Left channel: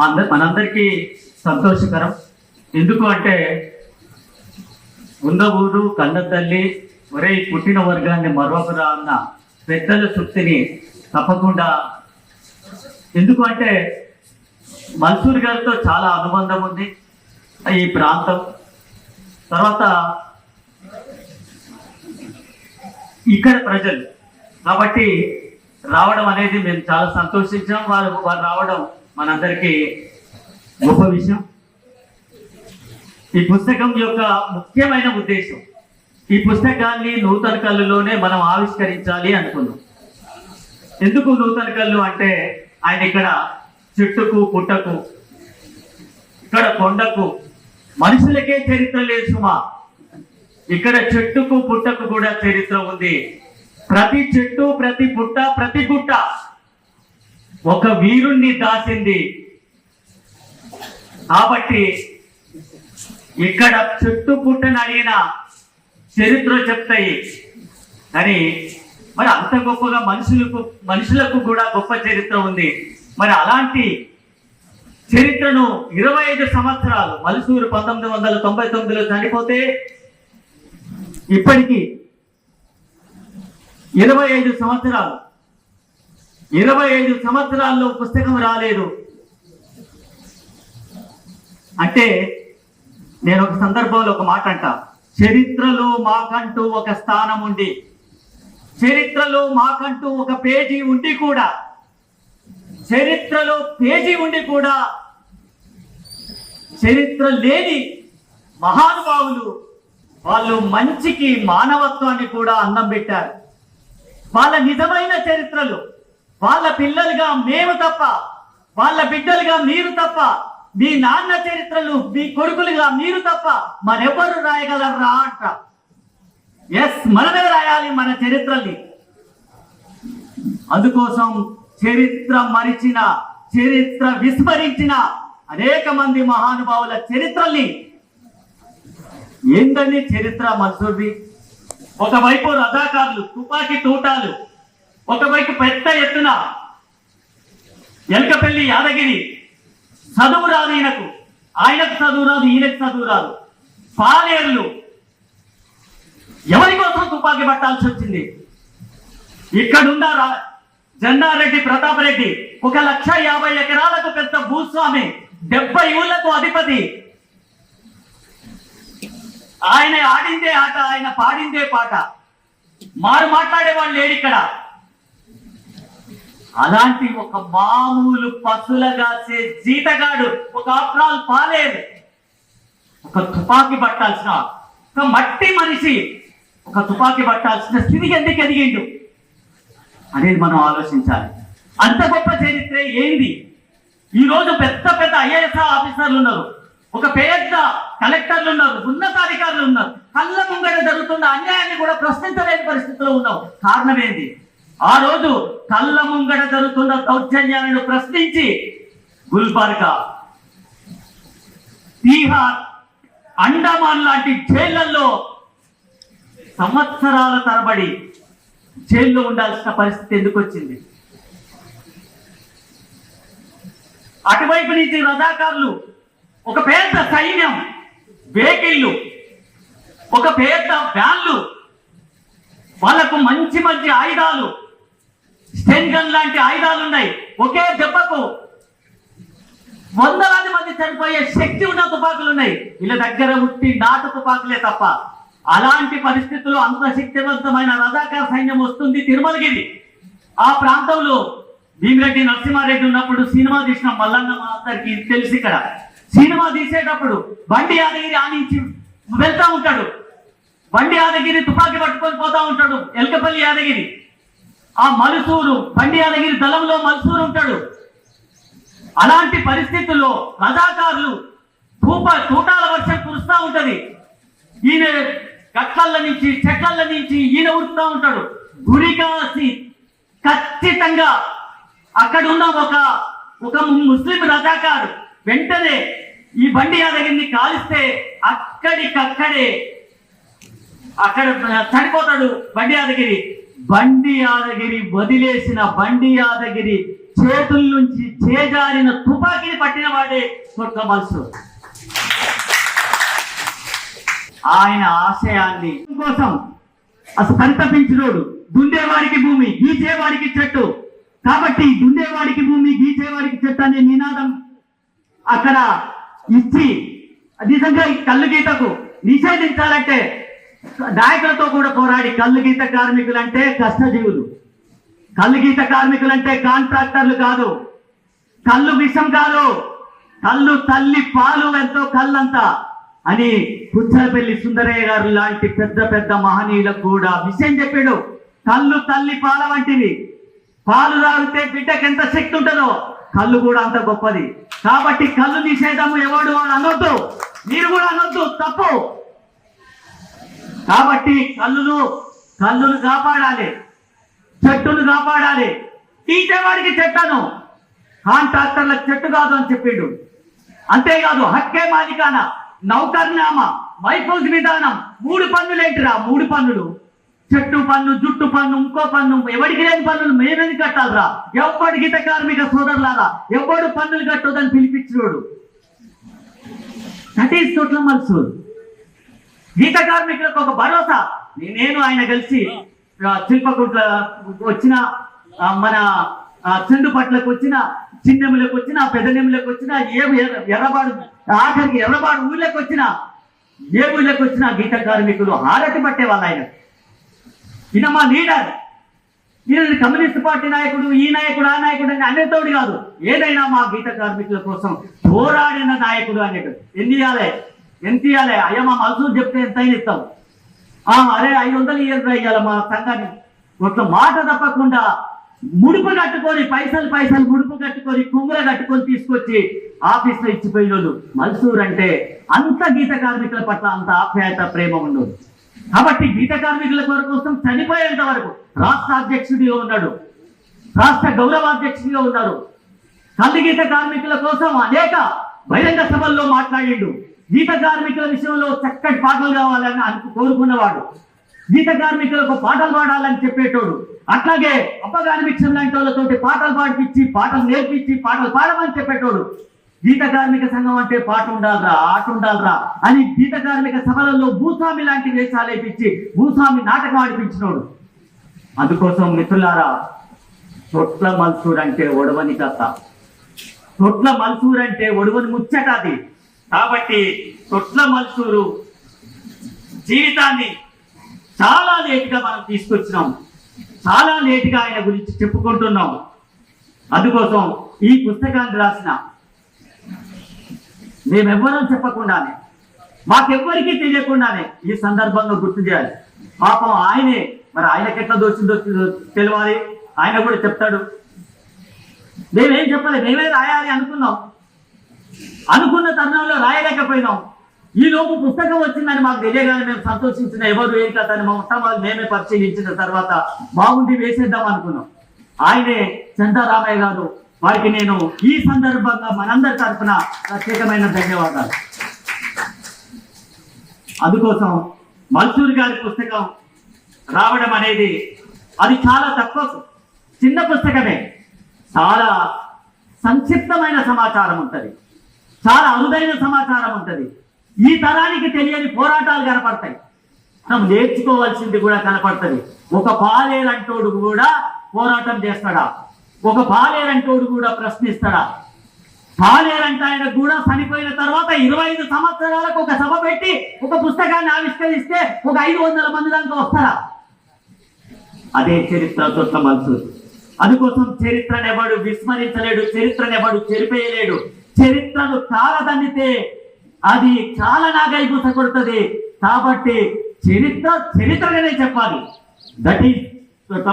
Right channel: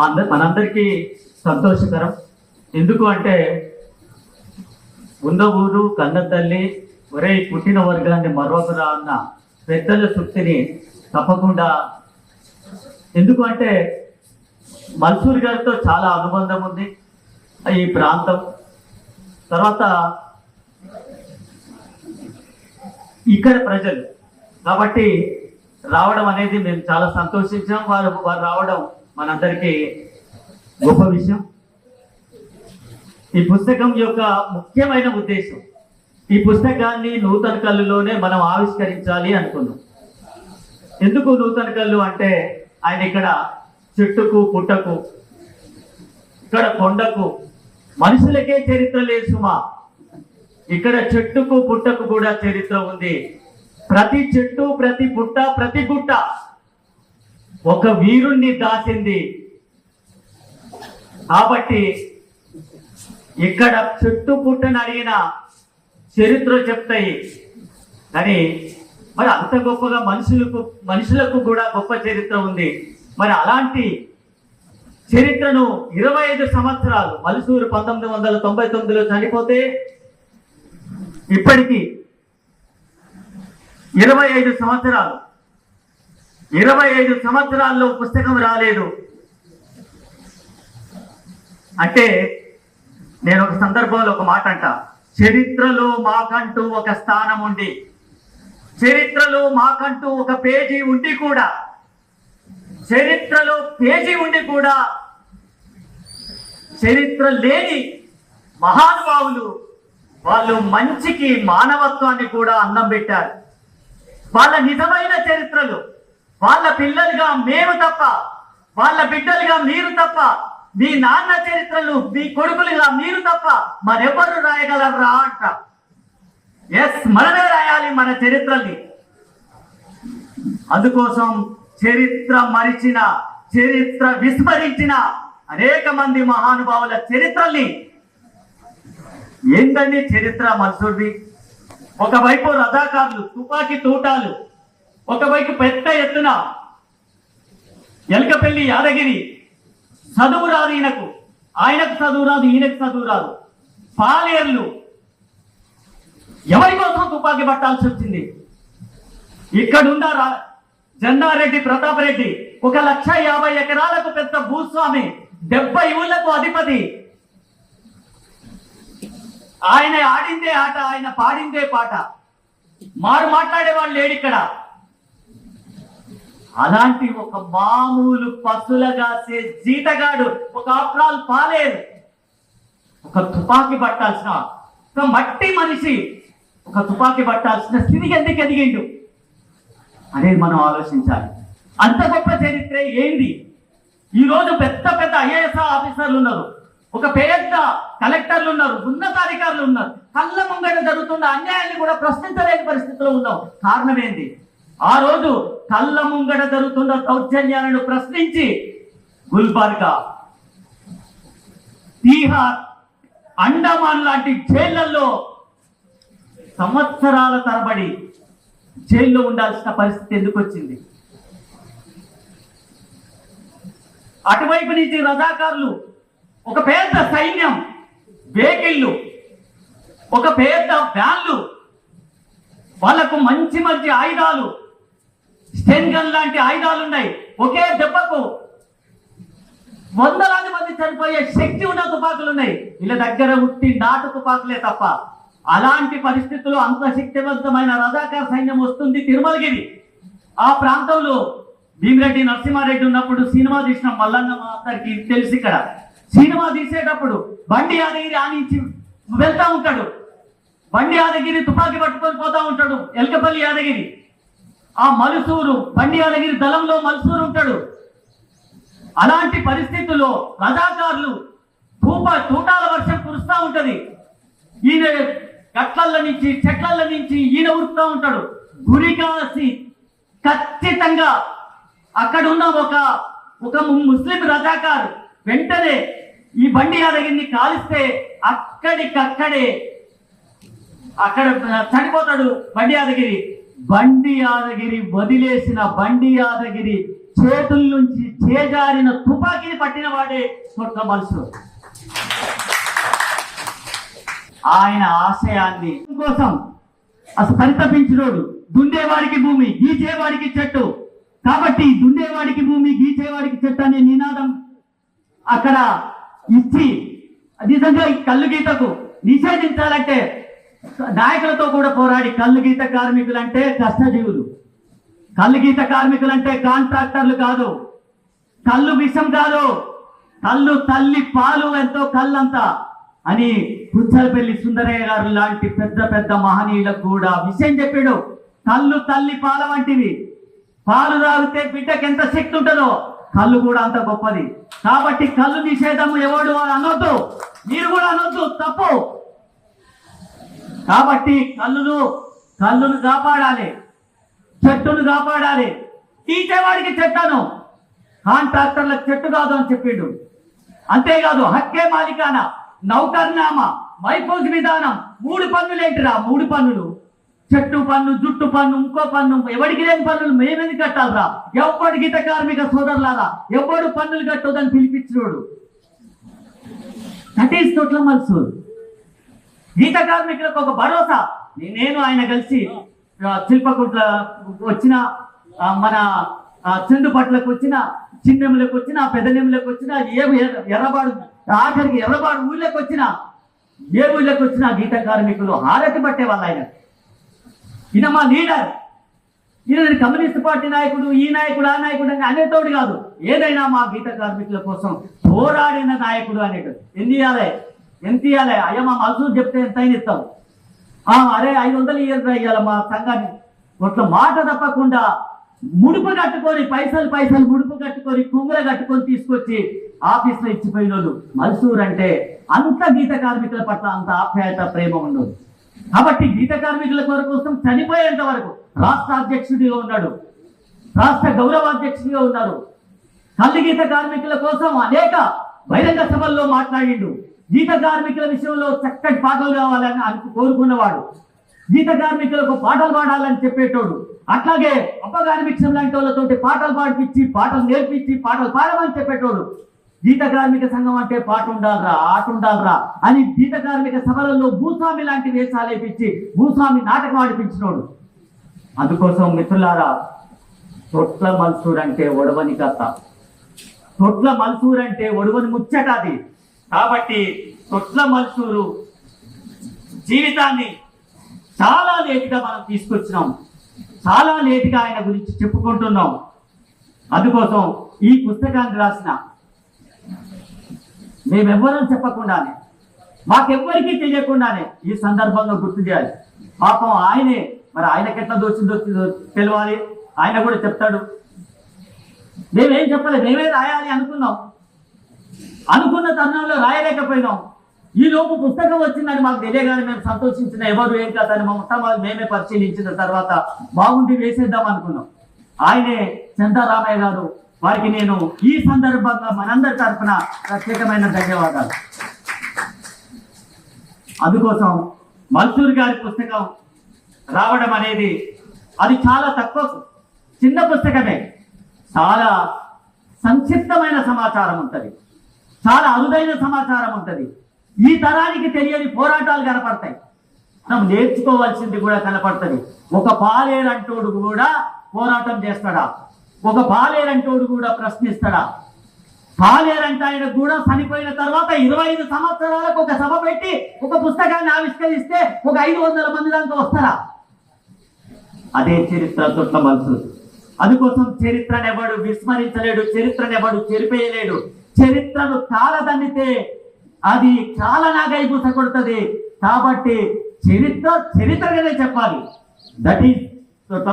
మా అందరి మనందరికీ సంతోషకరం. ఎందుకు అంటే ఉన్న ఊరు కన్న తల్లి ఒరే పుట్టిన వర్గాన్ని మరొకరా అన్న పెద్దల తృప్తిని తప్పకుండా ఎందుకు అంటే మన్సూర్ గారితో చాలా అనుబంధం ఉంది ఈ ప్రాంతం. తర్వాత ఇక్కడ ప్రజలు కాబట్టి రావడం అనేది మేము చాలా సంతోషించాం. వారు వారు రావడం మనందరికీ గొప్ప విషయం. ఈ పుస్తకం యొక్క ముఖ్యమైన ఉద్దేశం ఈ పుస్తకాన్ని నూతన కళ్ళులోనే మనం ఆవిష్కరించాలి అనుకున్నాం ఎందుకు నూతన కళ్ళు అంటే ఆయన ఇక్కడ చెట్టుకు పుట్టకు ఇక్కడ కొండకు మనుషులకే చరిత్ర లేదు సుమా. ఇక్కడ చెట్టుకు పుట్టకు కూడా చరిత్ర ఉంది. ప్రతి చెట్టు ప్రతి పుట్ట ప్రతి గుట్ట ఒక వీరుణ్ణి దాసింది. కాబట్టి ఇక్కడ చుట్టూ పుట్టని అడిగిన చరిత్ర చెప్తాయి. కానీ మరి అంత గొప్పగా మనుషులకు మనుషులకు కూడా గొప్ప చరిత్ర ఉంది. మరి అలాంటి చరిత్రను ఇరవై ఐదు సంవత్సరాలు మలుసూరు పంతొమ్మిది వందల తొంభై తొమ్మిదిలో చనిపోతే ఇప్పటికీ ఇరవై ఐదు సంవత్సరాలు ఇరవై ఐదు సంవత్సరాల్లో పుస్తకం రాలేదు. అంటే నేను ఒక సందర్భంలో ఒక మాట అంట. చరిత్రలో మాకంటూ ఒక స్థానం ఉండి చరిత్రలో మాకంటూ ఒక పేజీ ఉండి కూడా. చరిత్రలో పేజీ ఉండి కూడా. చరిత్ర లేని మహానుభావులు వాళ్ళు మంచికి మానవత్వాన్ని కూడా అన్నం పెట్టారు. వాళ్ళ నిజమైన చరిత్రలు వాళ్ళ పిల్లలుగా మేము తప్ప వాళ్ళ బిడ్డలుగా మీరు తప్ప మీ నాన్న చరిత్రలు మీ కొడుకులుగా మీరు తప్ప మరెవరు రాయగలరా అంట. ఎస్ మనమే రాయాలి మన చరిత్రల్ని. అందుకోసం చరిత్ర మరిచిన చరిత్ర విస్మరించిన అనేక మంది మహానుభావుల చరిత్రల్ని ఏంటండి చరిత్ర మన్సూర్ది ఒకవైపు రథాకారులు తుపాకీ తూటాలు ఒకవైపు పెద్ద ఎత్తున ఎల్కపల్లి యాదగిరి చదువు రాదు ఈయనకు. ఆయనకు చదువు రాదు ఈయనకు చదువు రాదు. పాలేర్లు ఎవరి కోసం తుపాకీ పట్టాల్సి వచ్చింది? ఇక్కడున్న జెండారెడ్డి ప్రతాప్ రెడ్డి ఒక లక్ష యాభై ఎకరాలకు పెద్ద భూస్వామి డెబ్బై ఊళ్ళకు అధిపతి. ఆయన ఆడిందే ఆట ఆయన పాడిందే పాట. మారు మాట్లాడే వాళ్ళు లేడు ఇక్కడ. అలాంటి ఒక మామూలు పశువులగాసే జీతగాడు ఒక ఆఫ్రాల్ పాలేదు ఒక తుపాకి పట్టాల్సిన ఒక మట్టి మనిషి ఒక తుపాకి పట్టాల్సిన స్థితికి ఎందుకు ఎదిగిండు? అనేది మనం ఆలోచించాలి. అంత గొప్ప చరిత్ర ఏంది? ఈరోజు పెద్ద పెద్ద ఐఏఎస్ ఆఫీసర్లు ఉన్నారు. ఒక పెద్ద కలెక్టర్లు ఉన్నారు ఉన్నతాధికారులు ఉన్నారు. కళ్ళ ముంగడ జరుగుతున్న అన్యాయాన్ని కూడా ప్రశ్నించలేని పరిస్థితిలో ఉన్నాం. కారణం ఏంది? ఆ రోజు కళ్ళ ముంగట జరుగుతున్న దౌర్జన్యాలను ప్రశ్నించి గుల్బర్గా బీహార్ అండమాన్ లాంటి జైళ్ళలో సంవత్సరాల తరబడి జైల్లో ఉండాల్సిన పరిస్థితి ఎందుకు వచ్చింది? అటువైపు నుంచి రజాకారులు ఒక పెద్ద సైన్యం వెహికల్లు ఒక పెద్ద వ్యాన్లు వాళ్ళకు మంచి మంచి ఆయుధాలు స్టెన్ గన్ లాంటి ఆయుధాలు ఉన్నాయి. ఒకే దెబ్బకు వందలాది మంది చనిపోయే శక్తి ఉన్న తుపాకులు ఉన్నాయి. వీళ్ళ దగ్గర ఉట్టి నాటు తుపాకులే తప్ప అలాంటి పరిస్థితుల్లో అంత శక్తివంతమైన రజాకార సైన్యం వస్తుంది తిరుమలగిరి. ఆ ప్రాంతంలో భీమిరెడ్డి నరసింహారెడ్డి ఉన్నప్పుడు సినిమా తీసిన మల్లన్న మా అందరికి తెలుసు ఇక్కడ. సినిమా తీసేటప్పుడు బండి యాదగిరి ఆనించి వెళ్తా ఉంటాడు. బండి యాదగిరి తుపాకీ పట్టుకొని పోతా ఉంటాడు. ఎల్కపల్లి యాదగిరి. ఆ మలుసూరు బండి అలగిరి దళంలో మలుసూరు ఉంటాడు. అలాంటి పరిస్థితుల్లో రజాకారులు తూప తూటాల వర్షం కురుస్తూ ఉంటది. ఈయన గట్లల నుంచి చెట్ల నుంచి ఈయన ఉరుస్తూ ఉంటాడు. గురికాసి ఖచ్చితంగా అక్కడ ఉన్న ఒక ఒక ముస్లిం రజాకారు వెంటనే ఈ బండి యాదగిరిని కాలిస్తే అక్కడికక్కడే అక్కడ చనిపోతాడు బండి యాదగిరి బండి యాదగిరి వదిలేసిన బండి యాదగిరి చేతుల నుంచి చేజారిన తుపాకీని పట్టిన వాడే కొట్ల మల్సు ఆయన ఆశయాన్ని కోసం అసలు పరితపించినోడు దుండేవాడికి భూమి గీచేవాడికి చెట్టు. కాబట్టి దుండేవాడికి భూమి గీచేవాడికి చెట్టు అనే నినాదం అక్కడ ఇచ్చి నిజంగా ఈ కళ్ళు గీతకు నిషేధించాలంటే నాయకులతో కూడా పోరాడి కళ్ళు గీత కార్మికులంటే కష్టజీవులు. కళ్ళు గీత కార్మికులంటే కాంట్రాక్టర్లు కాదు. కళ్ళు విషం కాదు. కళ్ళు తల్లి పాలు ఎంతో కళ్ళంతా అని పుచ్చలపల్లి సుందరయ్య గారు లాంటి పెద్ద పెద్ద మహనీయులకు కూడా విషయం చెప్పాడు. కళ్ళు తల్లి పాల వంటివి. పాలు తాగితే బిడ్డకి ఎంత శక్తి ఉంటుందో కళ్ళు కూడా అంత గొప్పది. కాబట్టి కళ్ళు నిషేధము ఎవడు అని అనొద్దు. మీరు కూడా అనొద్దు. తప్పు. కాబట్టి కళ్ళును కళ్ళును కాపాడాలి. చెట్టును కాపాడాలి. తీసేవాడికి చెట్టను కాంట్రాక్టర్లకు చెట్టు కాదు అని చెప్పిండు. అంతేకాదు హక్కే మాలికాన నౌకర్నామా వైఫోజ్ విధానం. మూడు పన్నులు ఏంటిరా? మూడు పన్నులు. చెట్టు పన్ను జుట్టు పన్ను ఇంకో పన్ను. ఎవరికి లేని పన్నులు మేమేది కట్టాలరా? ఎవరి గీత కార్మిక సోదరులారా? ఎవడు పన్నులు కట్టొద్దని పిలిపించినోడు. దట్ ఈస్ టోటల్ మల్సూర్ గీత కార్మికులకు ఒక భరోసా. నేను ఆయన కలిసి శిల్పకుట్ల వచ్చిన మన ఆ, చెండుపట్లకు వచ్చిన చిన్నెములకు వచ్చిన పెద్దనెములకు వచ్చిన ఏ ఎర్రబాడు ఆఖరికి ఎర్రబాడు ఊళ్ళకి వచ్చిన ఏ ఊళ్ళకి వచ్చిన గీత కార్మికులు హారతి పట్టే వాళ్ళు ఆయన. ఈయన మా లీడర్. ఈయన కమ్యూనిస్ట్ పార్టీ నాయకుడు ఈ నాయకుడు ఆ నాయకుడు అని అనేతోడు కాదు. ఏదైనా మా గీత కార్మికుల కోసం పోరాడిన నాయకుడు అనేటు ఎన్ని ఎంత ఇవ్వాలి అయ్యా మా మల్సూరు చెప్తే ఎంత అయినా ఇస్తాం ఆ, అరే ఐదు వందలు ఇయ్యాలి ఇవ్వాలి మా సంఘాన్ని. ఒక మాట తప్పకుండా ముడుపు కట్టుకొని పైసలు పైసలు ముడుపు కట్టుకొని కుమ్మర కట్టుకొని తీసుకొచ్చి ఆఫీస్లో ఇచ్చిపోయిన వాళ్ళు మల్సూర్ అంటే అంత గీత కార్మికుల పట్ల అంత ఆప్యాయత ప్రేమ ఉండదు కాబట్టి గీత కార్మికుల కోసం చనిపోయేంత వరకు రాష్ట్ర అధ్యక్షుడిగా ఉన్నాడు. రాష్ట్ర గౌరవాధ్యక్షుడిగా ఉన్నారు కల్లు గీత కార్మికుల కోసం అనేక బహిరంగ సభల్లో మాట్లాడిండు. గీత కార్మికుల విషయంలో చక్కటి పాటలు కావాలని అనుకు కోరుకున్నవాడు. గీత కార్మికులకు పాటలు పాడాలని చెప్పేటోడు. అట్లాగే అప్పగానిమిక్షం లాంటి వాళ్ళతోటి పాటలు పాడిపించి పాటలు నేర్పించి పాటలు పాడమని చెప్పేటోడు. గీత కార్మిక సంఘం అంటే పాట ఉండాలరా ఆట ఉండాలరా అని గీత కార్మిక సభలలో భూస్వామి లాంటి వేషాలు వేపించి భూస్వామి నాటకం ఆడిపించినోడు. అందుకోసం మిత్రులారా తొట్ల మల్సూర్ అంటే ఒడవని కథ. తొట్ల మల్సూర్ అంటే ఒడవని ముచ్చట అది. కాబట్టి తొట్ల మనుషులు జీవితాన్ని చాలా లేటుగా మనం తీసుకొచ్చినాం. చాలా లేటుగా ఆయన గురించి చెప్పుకుంటున్నాం. అందుకోసం ఈ పుస్తకాన్ని రాసిన మేమెవ్వరం చెప్పకుండానే మాకెవ్వరికీ తెలియకుండానే ఈ సందర్భంలో గుర్తు చేయాలి. పాపం ఆయనే మరి ఆయనకి ఎట్లా దోచిందో తెలియాలి ఆయన కూడా చెప్తాడు. మేమేం చెప్పలేదు మేమే రాయాలి అనుకున్నాం. అనుకున్న తరుణంలో రాయలేకపోయినాం. ఈ లోపు పుస్తకం వచ్చిందని మాకు తెలియగానే మేము సంతోషించిన ఎవరు ఏం కథ మా ఉత్తమాలు మేమే పరిశీలించిన తర్వాత బాగుంది వేసేద్దాం అనుకున్నాం. ఆయనే చందరామయ్య గారు వారికి నేను ఈ సందర్భంగా మనందరి తరఫున ప్రత్యేకమైన ధన్యవాదాలు. అందుకోసం మల్సూర్ గారి పుస్తకం రావడం అనేది అది చాలా తక్కువ చిన్న పుస్తకమే. చాలా సంక్షిప్తమైన సమాచారం ఉంటుంది. చాలా అరుదైన సమాచారం ఉంటుంది. ఈ తరానికి తెలియని పోరాటాలు కనపడతాయి. మనం నేర్చుకోవాల్సింది కూడా కనపడుతుంది. ఒక పాలేరంటోడు కూడా పోరాటం చేస్తాడా? ఒక పాలేరంటోడు కూడా ప్రశ్నిస్తాడా? పాలేరంట ఆయన కూడా చనిపోయిన తర్వాత ఇరవై ఐదు సంవత్సరాలకు ఒక సభ పెట్టి ఒక పుస్తకాన్ని ఆవిష్కరిస్తే ఒక ఐదు వందల మంది దాకా వస్తారా? అదే చరిత్ర తొట్ట మల్సూర్ అందుకోసం చరిత్రనెవడు విస్మరించలేడు చరిత్రనెవడు చెరిపేయలేడు. చరిత్రను కాలదండితే అది కాలనాగై కొడుతుంది కాబట్టి చరిత్ర చరిత్రగానే చెప్పాలి. That is తొట్ట